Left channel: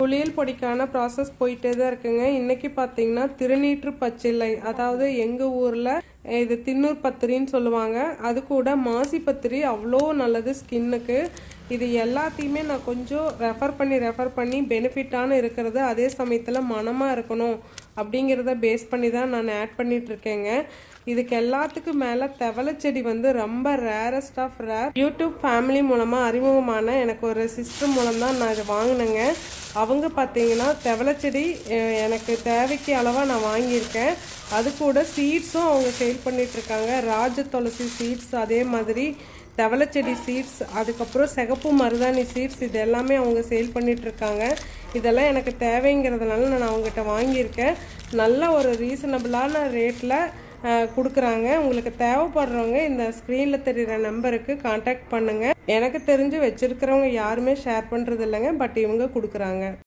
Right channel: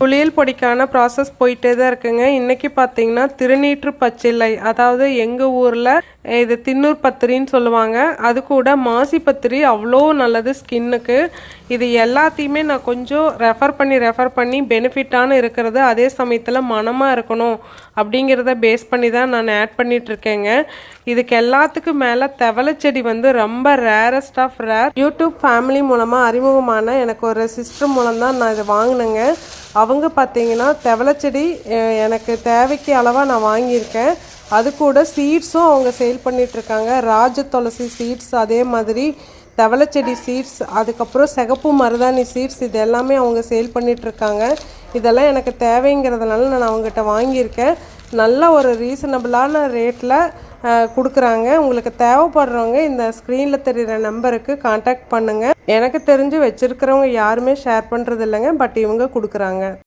புளியல் பொடிக்கான process போயிட்டே தான் இருக்குங்க. இன்னைக்கு பார்த்தீங்கன்னா திருநீற்று பச்சிலை. அதாவது எங்கள் ஊரில் இது தின்னூர் பத்திரின்னு சொல்லுவாங்க. அது கூட மாசி பத்திரி அவ்வளோ நல்லது ஸ்கின்னுக்கு. இது எல்லாத்தையுமே நான் கொஞ்சம் ரெஃபர் பண்ணி ரெஃபர் பண்ணி பெனிஃபிட்டான இருக்கிறது அதே சமயத்தில் மனமாக இருக்கணும் அப்படிங்கிறத பேஸ் பண்ணி தான் நான் ஆட் பண்ணிகிட்ருக்கேங்க இதுக்கு எல்லாத்துக்கும் மேலே தவளை செடி வந்து ரொம்ப rarest of rare YouTube family மூலமாக அறிமுகமான எனக்கு ஒரு சிஸ்டர் மூலம் தான் நான் இதை வாங்கினேங்க. அவங்க பார்த்தீங்கன்னா செடி எனக்கு தேவைக்கு அளவாக நான் வாங்கியிருக்கேன். அது கூட சீட்ஸும் அவங்க சேல் பண்ணிகிட்ருக்காங்க ராஜ துளசி சீட்ஸ் அதே மாதிரி செடி சீட்ஸ் அதுக்கப்புறம் சிகப்பு மருதாணி சீட்ஸ் இது எல்லாமே அவங்க சேல் பண்ணிகிட்ருக்காங்க இதெல்லாம் எனக்கு தேவைங்கிறதுனால நான் அவங்ககிட்ட வாங்கியிருக்கேன். நல்ல ஒரு ரீசனபிளான ரேட்டில் கொடுக்குறாங்க. உங்களுக்கு தேவைப்படுறவங்க இந்த ஸ்க்ரீனில் தெரிகிற நம்பருக்கு காண்டாக்ட் பண்ணுங்கள் எனக்கு தெரிஞ்சு வச்சுருக்கிறவங்க யாருமே ஷேர் பண்ணுறது இல்லைங்க பட் இவங்க கொடுக்குறாங்க.